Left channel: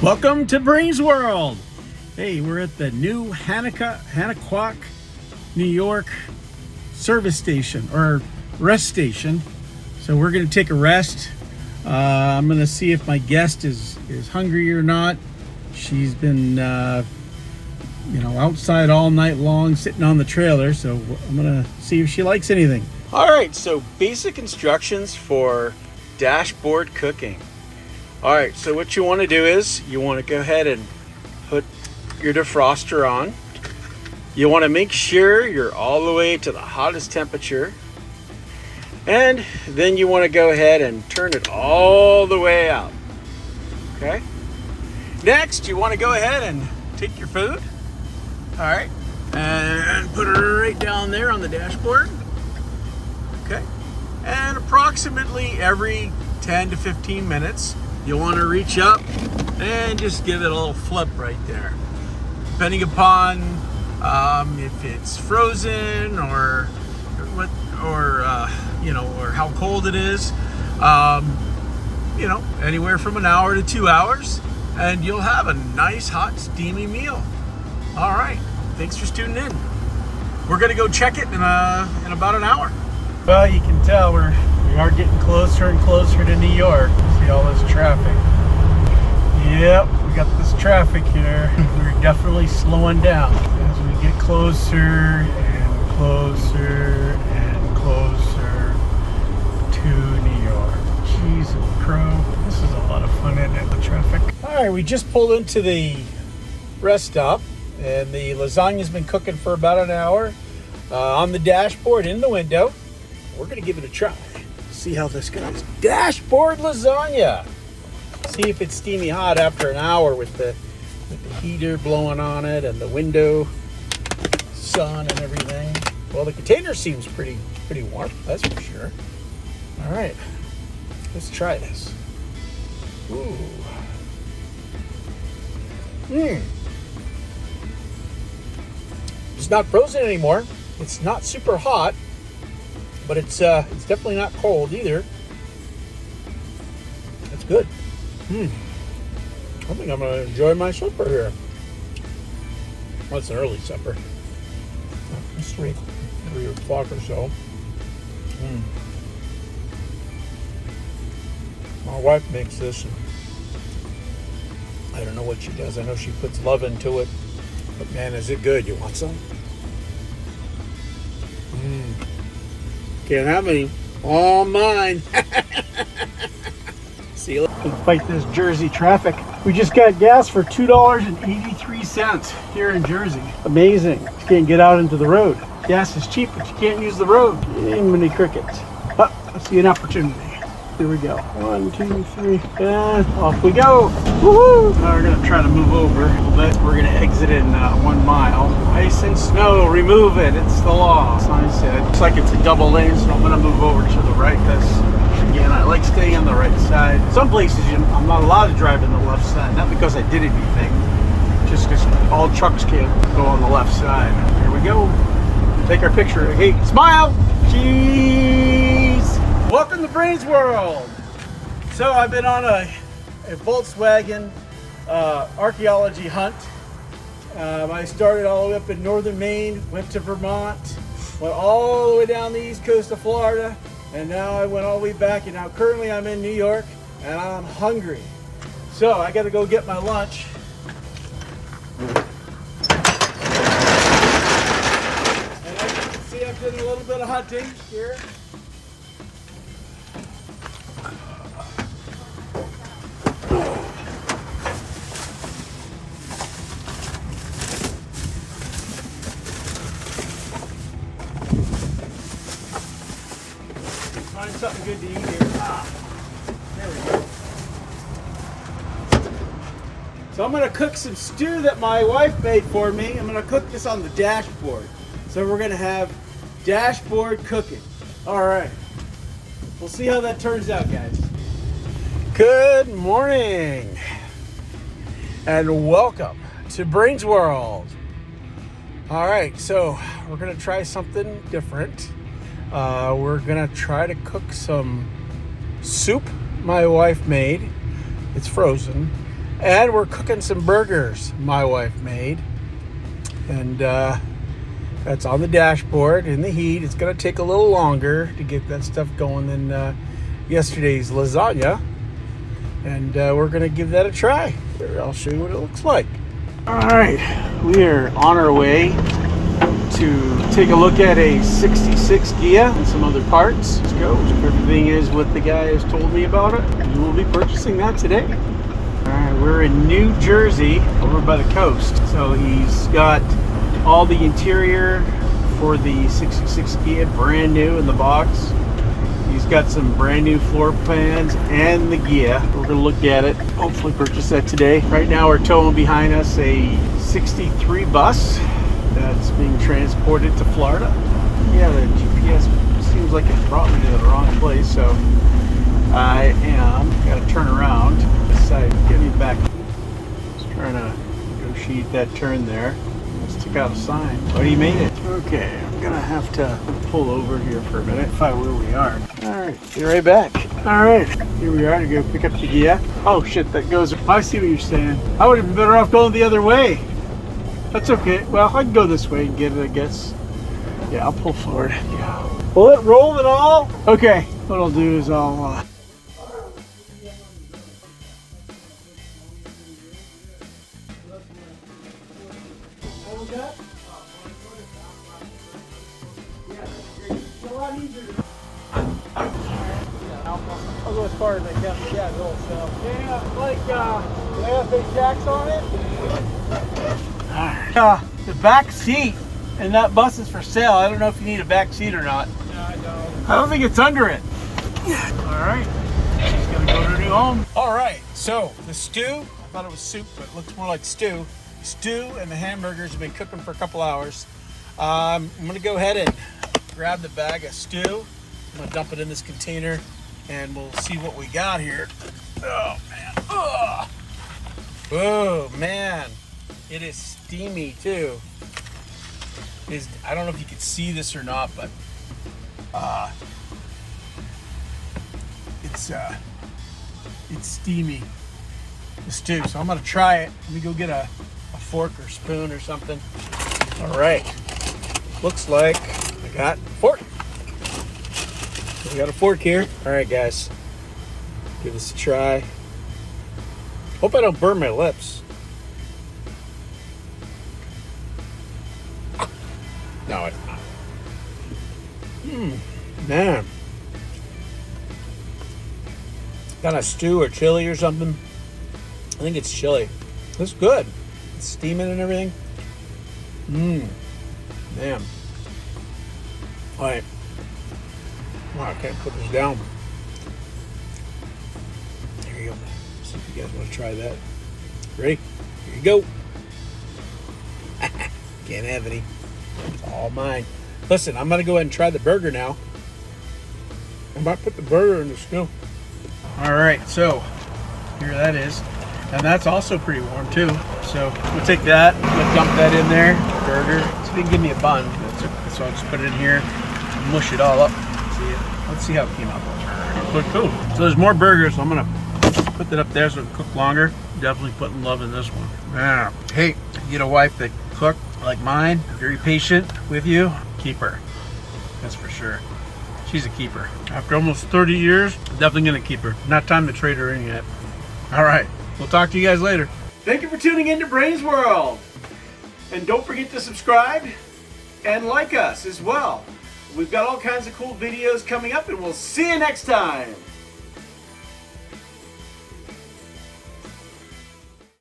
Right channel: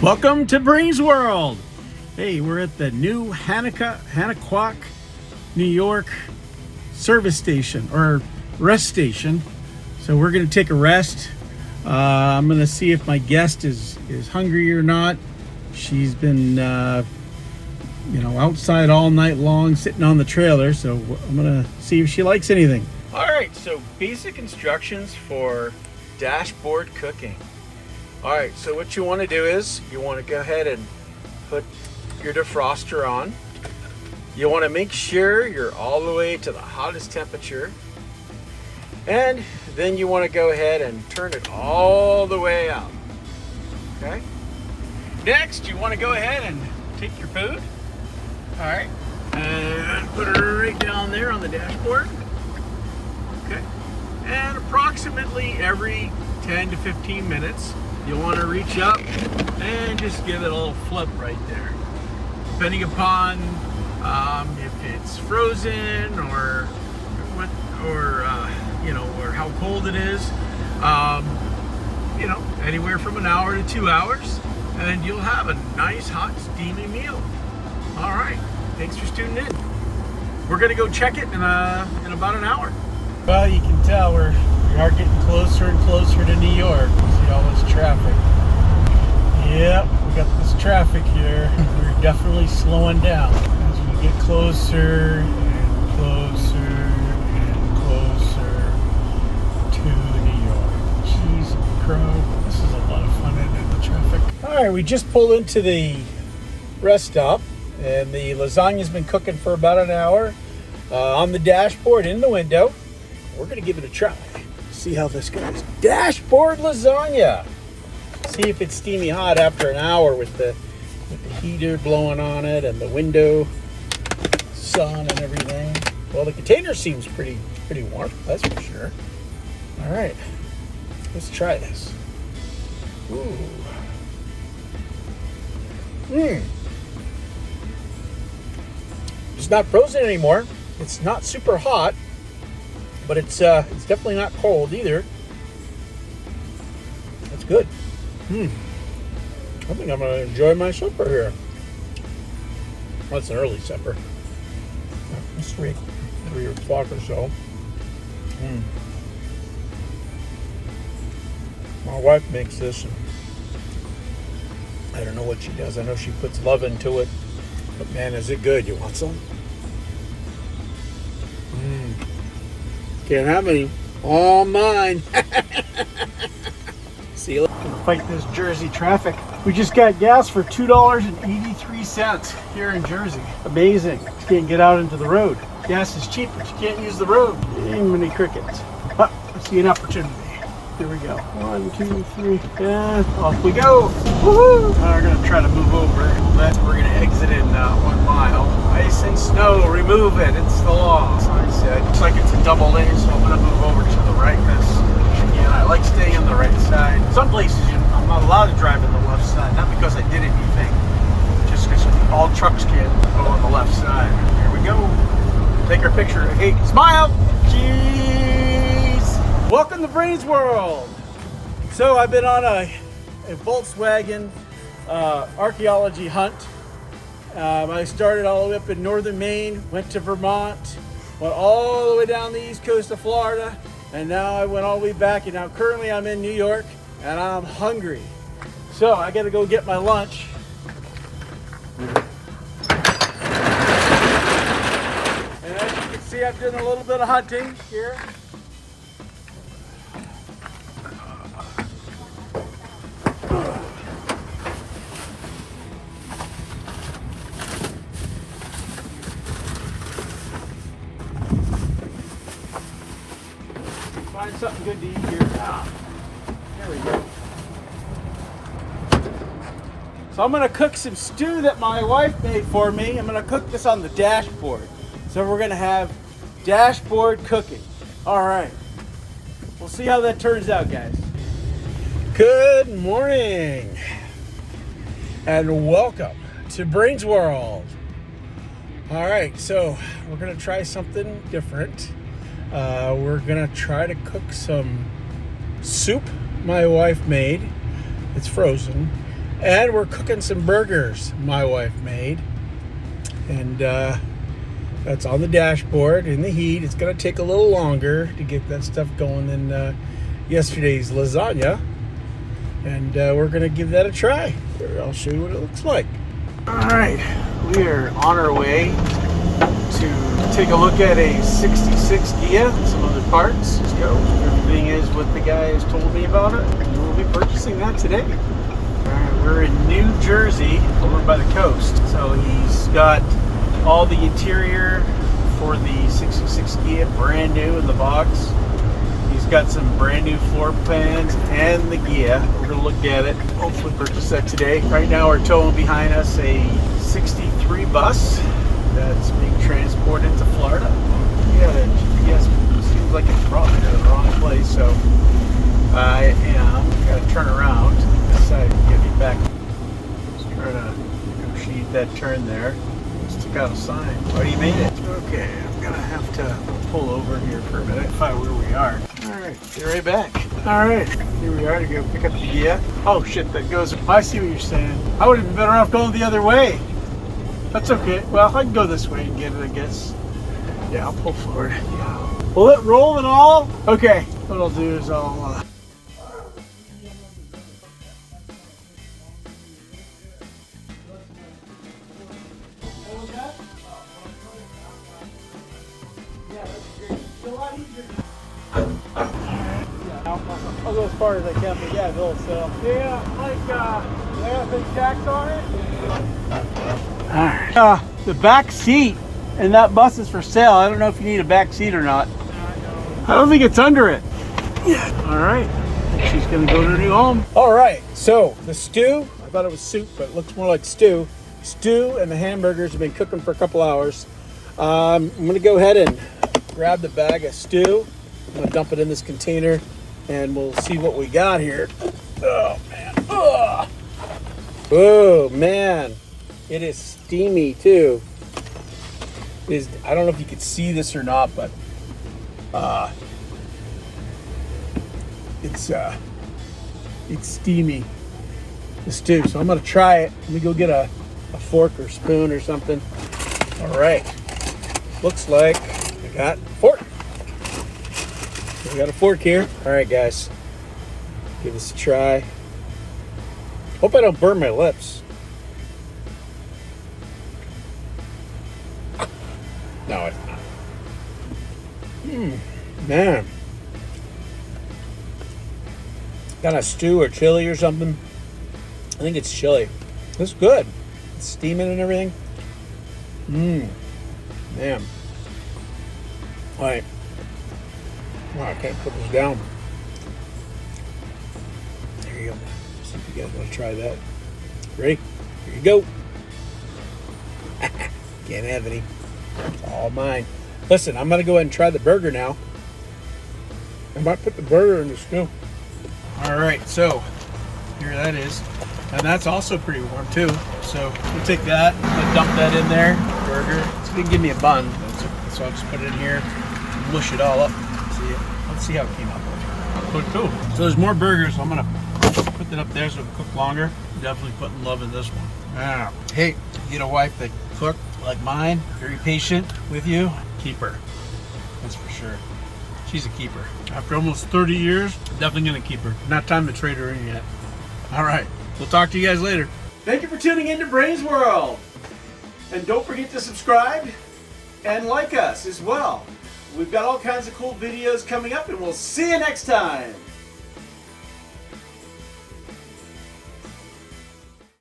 Welcome to Brains World. Hey, we're at the new Hannaquack, New York service station or rest station. So we're going to take a rest. I'm going to see if my guest is hungry or not. She's been, outside all night long, sitting on the trailer. So I'm going to see if she likes anything. All right. So basic instructions for dashboard cooking. All right, so what you want to do is you want to go ahead and put your defroster on. You want to make sure you're all the way to the hottest temperature. And then you want to go ahead and turn it all the way out. Okay? Next, you want to go ahead and take your food. All right, and put it right down there on the dashboard. Okay? And approximately every 10 to 15 minutes, you want to reach up and just give it a little flip right there. Depending upon if it's frozen or what, or how cold it is, anywhere from an hour to 2 hours, and you'll have a nice hot steamy meal. All right, thanks for tuning in. We're gonna go check it in about an hour. Well, you can tell we are getting closer and closer to New York. See all this traffic. Yep, we got this traffic here. We're definitely slowing down as we get closer and closer and closer to New York. Jeez, crow. This is a lot of fun, isn't it, the traffic? All right, we just pulled into the rest stop, and the lasagna's been cooking for about an hour on the dashboard in the window. We're gonna give it a try. See how this goes. Dashboard lasagna. See if it's steamy hot after an hour with the heater blowing on it and the window sun and everything. Well, the container seems pretty warm, that's for sure. All right, let's try this. Ooh. It's not frozen anymore. It's not super hot, but it's definitely not cold either. That's good. I think I'm gonna enjoy my supper here. Well, it's an early supper. It's 3 o'clock or so. My wife makes this. And I don't know what she does. I know she puts love into it, but man, is it good? You want some? Can't have any. All mine. See you later. Fight this Jersey traffic. We just got gas for $2.83 here in Jersey. Amazing. You can't get out into the road. Gas is cheap, but you can't use the road. Mini crickets. But I see an opportunity. Here we go. 1, 2, 3, and off we go. Woohoo! We're gonna try to move over. We're gonna exit in 1 mile. Ice and snow, remove it. It's the law. Sign said. Looks like it's a double lane, so I'm gonna move over to the right. Because again, I like staying on the right side. Some places I'm not allowed to drive on the left side. Not because I did anything, just because all trucks can't go on the left side. Here we go. Take our picture. Hey, smile. Cheese. Welcome to Brains World. So I've been on a Volkswagen archaeology hunt. I started all the way up in northern Maine, went to Vermont, went all the way down the east coast of Florida, and now I went all the way back, and now currently I'm in New York, and I'm hungry. So I gotta go get my lunch. And as you can see, I've done a little bit of hunting here. Find something good to eat here. There we go. So I'm gonna cook some stew that my wife made for me. I'm gonna cook this on the dashboard. So we're gonna have dashboard cooking. All right. We'll see how that turns out, guys. Good morning and welcome to Brains World. All right, so we're gonna try something different. We're gonna try to cook some soup my wife made. It's frozen, And we're cooking some burgers my wife made. And that's on the dashboard in the heat. It's going to take a little longer to get that stuff going than yesterday's lasagna. And we're going to give that a try. Here, I'll show you what it looks like. All right, we're on our way to take a look at a 66 Ghia and some other parts. Let's go. Everything is what the guy has told me about it. And we'll be purchasing that today. All right, we're in New Jersey, over by the coast. So he's got all the interior for the 66 Ghia brand new in the box. He's got some brand new floor plans and the Ghia. We're gonna look at it, hopefully purchase that today. Right now we're towing behind us a 63 bus that's being transported to Florida. Yeah, the GPS seems like it brought me to the wrong place, so I gotta turn around, decide to get me back. Just trying to negotiate that turn there. Just took out a sign, but he made it. Okay, I'm gonna have to pull over here for a minute, find where we are. All right, be right back. All right, here we are to go pick up the Ghia. Oh shit, that goes, I see what you're saying. I would have been better off going the other way. That's okay. Well, I can go this way and get it, I guess. Yeah, I'll pull forward. Yeah. Will it roll and all? Okay, what I'll do is I'll as far as I can, but yeah, no, so yeah, like they have big jacks on it. Alright. The back seat and that bus is for sale. I don't know if you need a back seat or not. I don't think it's under it. Yeah. Alright. She's gonna go to her new home. Alright, so the stew, I thought it was soup, but it looks more like stew. Stew and the hamburgers have been cooking for a couple hours. I'm gonna go ahead and grab the bag of stew. I'm gonna dump it in this container and we'll see what we got here. Oh man. Ugh. Oh man. It is steamy too. I don't know if you can see this or not, but it's steamy, the stew. So I'm gonna try it. Let me go get a fork or spoon or something. All right. Looks like I got a fork. We got a fork here. All right, guys. Give this a try. Hope I don't burn my lips. No, it's not. Man. Kind of stew or chili or something. I think it's chili. It's good. It's steaming and everything. Man. All right. Oh, I can't put this down. There you go. See if you guys want to try that. Ready? Here you go. Can't have any. It's all mine. Listen, I'm going to go ahead and try the burger now. I might put the burger in the stew. All right, so here that is. And that's also pretty warm too. So we'll take that. I'm going to dump that in there. Burger. So they can give me a bun. That's okay. So I'll just put it in here and mush it all up. Let's see how it came out that burger. But cool. So there's more burgers, so I'm gonna put that up there so it can cook longer. Definitely putting love in this one. Now, hey, you get a wife that cook like mine, very patient with you, keep her. That's for sure. She's a keeper. After almost 30 years, definitely gonna keep her. Not time to trade her in yet. All right, we'll talk to you guys later. Thank you for tuning in to Brains World. And don't forget to subscribe and like us as well. We've got all kinds of cool videos coming up, and we'll see you next time.